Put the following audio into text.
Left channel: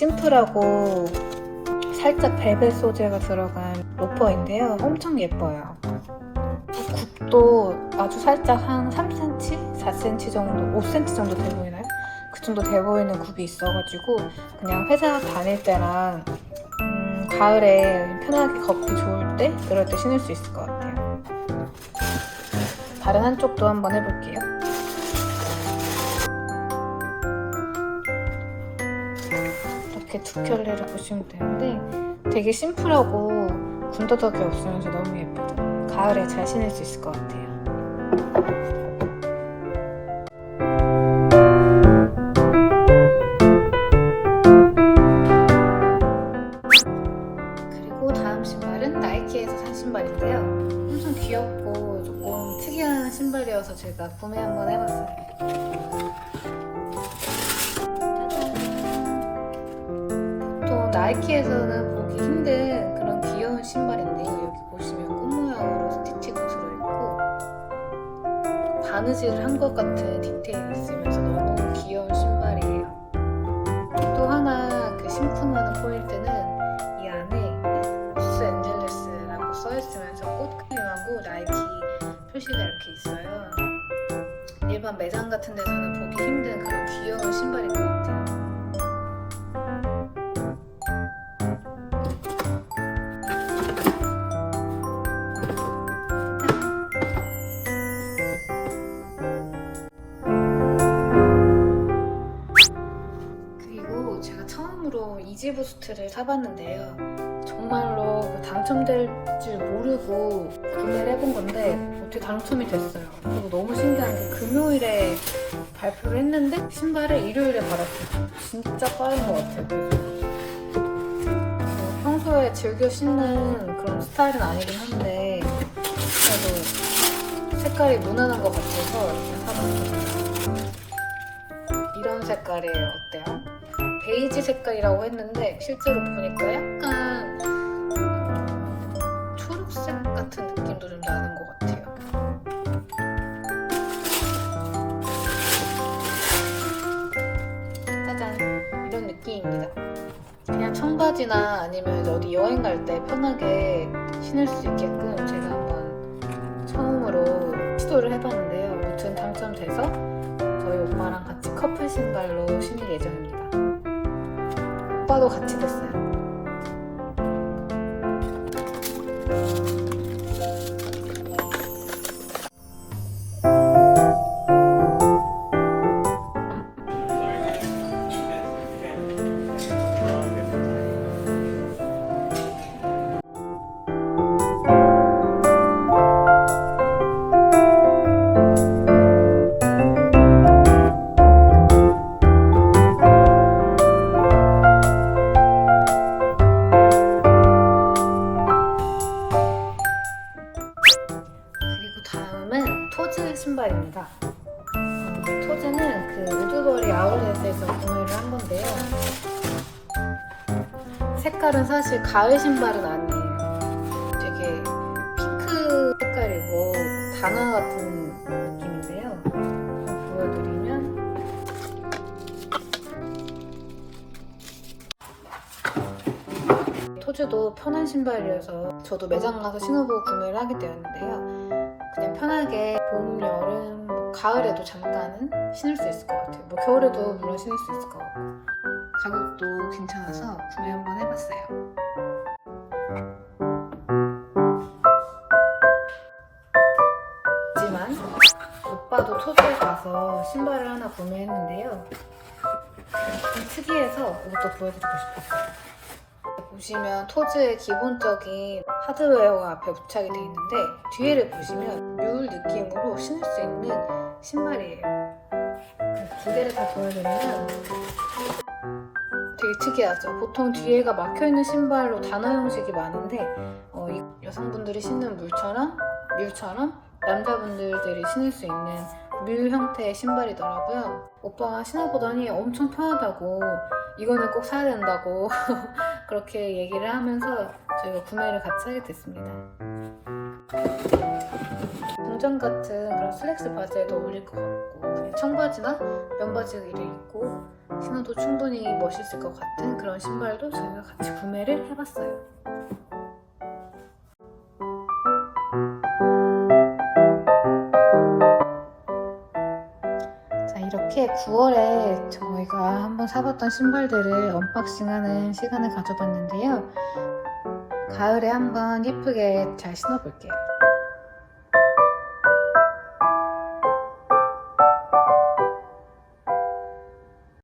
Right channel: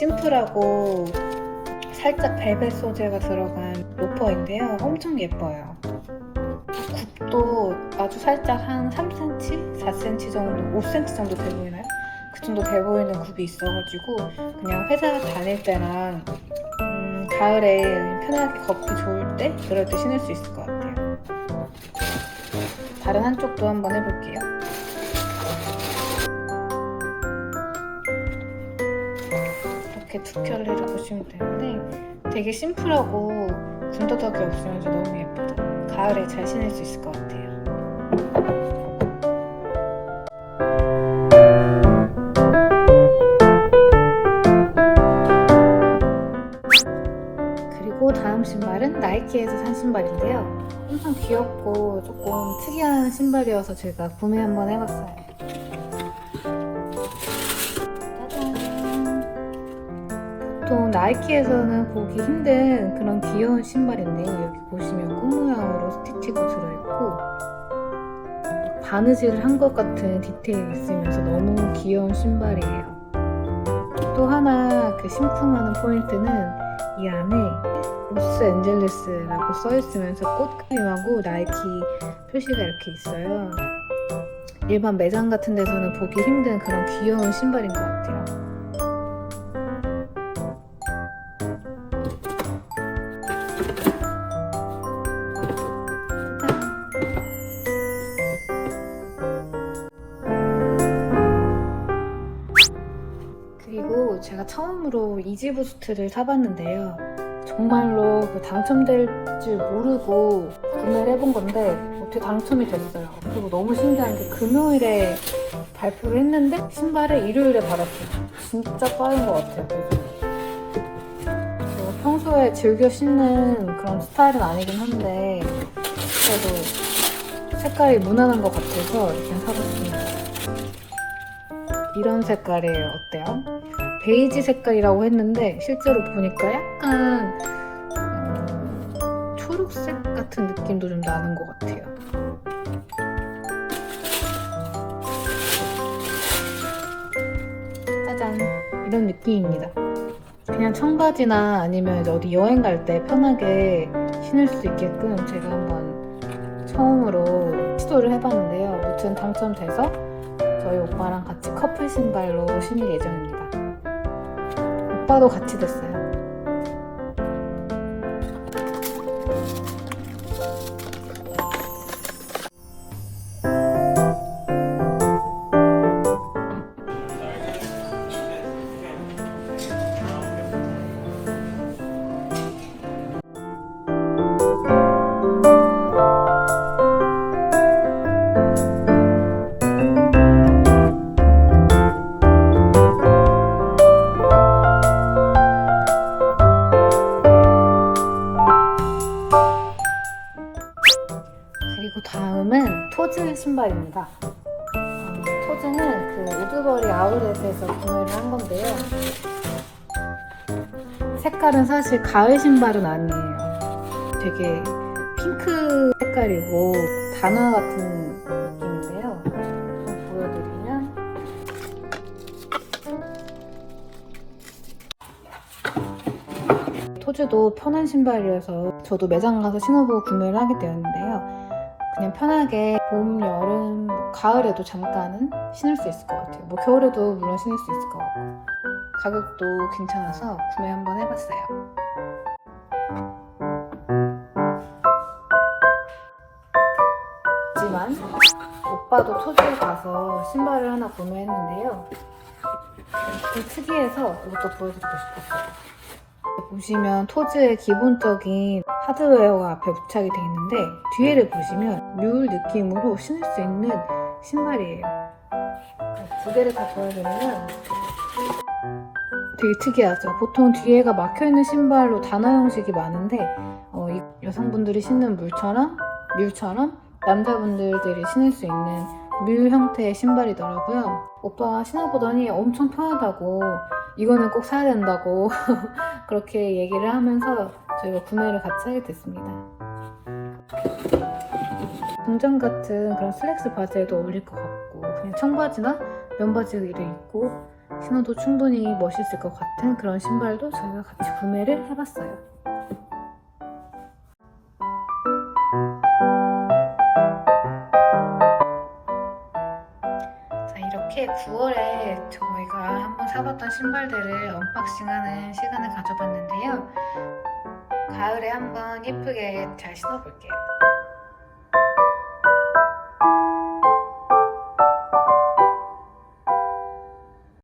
심플하고 살짝 벨벳 소재가 들어간 로퍼인데요. 엄청 예뻐요. 굽도 아주 살짝 한 3cm, 4cm 정도, 5cm 정도 돼 보이나요? 그 정도 돼 보이는 굽이 있어가지고 그냥 회사 다닐 때랑 음, 가을에 편하게 걷기 좋을 때 그럴 때 신을 수 있을 것 같아요. 다른 한쪽도 한번 해볼게요. 이렇게 두 켤레를 보시면 되는데 되게 심플하고 군더더기 없으면서 너무 예쁘다. 가을에 잘 신을 수 있을 것 같아요. 그리고 다음 신발은 나이키에서 산 신발인데요. 엄청 귀엽고 조금 특이한 신발이어서 제가 구매 한번 해봤어요. 나이키에서는 보기 힘든 그런 귀여운 신발인데요. 여기 보시면 꽃 모양으로 스티치가 들어있고 바느질을 한 것 같은 디테일이 있으면서 너무 귀여운 신발이에요. 또 하나 그 심쿵하는 포인트는 이 안에 로스 엔젤리스라고 써있으면서 꽃그림하고 나이키 표시가 이렇게 있어요. 일반 매장 같은 데서는 보기 힘든 그런 귀여운 신발인 것 같아요. 처음으로 이지부스트를 사봤는데요. 정말로 그 당첨될 줄 모르고 구매를 해본 건데 어떻게 당첨이 됐어요. 그리고 너무 신기한 게 금요일에 발표를 했는데 신발을 일요일에 받았어요. 진짜 빠른 것 같아요. 그래서 뭐 평소에 즐겨 신는 그런 스타일은 아니긴 한데 그래도 색깔이 무난한 것 같아서 좀 사봤습니다. 이런 색깔이에요. 어때요? 베이지 색깔이라고 했는데 실제로 보니까 약간 음, 초록색 같은 느낌도 좀 나는 것 같아요. 짜잔 이런 느낌입니다. 그냥 청바지나 아니면 어디 여행 갈 때 편하게 신을 수 있게끔 제가 한번 처음으로 시도를 해봤는데요. 아무튼 당첨돼서 저희 오빠랑 같이 커플 신발로 신을 예정입니다. 같이 됐어요. 신발입니다. 어, 토즈는 그 우드버리 아울렛에서 구매를 한 건데요. 색깔은 사실 가을 신발은 아니에요. 되게 핑크 색깔이고 단화 같은 느낌인데요. 보여드리면 토즈도 편한 신발이어서 저도 매장 가서 신어보고 구매를 하게 되었는데요. 그냥 편하게 봄, 여름, 뭐 가을에도 잠깐은 신을 수 있을 것 같아요. 뭐 겨울에도 물론 신을 수 있을 것 같고 가격도 괜찮아서 구매 한번 해봤어요. 하지만 오빠도 토지에 가서 신발을 하나 구매했는데요. 좀 특이해서 이것도 보여드리고 싶었어요. 보시면 토즈의 기본적인 하드웨어가 앞에 부착이 되어 있는데 뒤에를 보시면 뮬 느낌으로 신을 수 있는 신발이에요. 두 개를 다 보여드리면 되게 특이하죠. 보통 뒤에가 막혀있는 신발로 단어 형식이 많은데 어, 이 여성분들이 신는 물처럼 뮬처럼 남자분들이 신을 수 있는 뮬 형태의 신발이더라고요. 오빠가 신어보더니 엄청 편하다고 이거는 꼭 사야 된다고 그렇게 얘기를 하면서 저희가 구매를 같이 하게 됐습니다. 동전 같은 그런 슬랙스 바지에도 어울릴 것 같고 그냥 청바지나 면바지를 입고 신어도 충분히 멋있을 것 같은 그런 신발도 저희가 같이 구매를 해봤어요. 자 이렇게 9월에 저희가 한번 사봤던 신발들을 언박싱하는 시간을 가져봤는데요. 가을에 한번 예쁘게 잘 신어볼게요.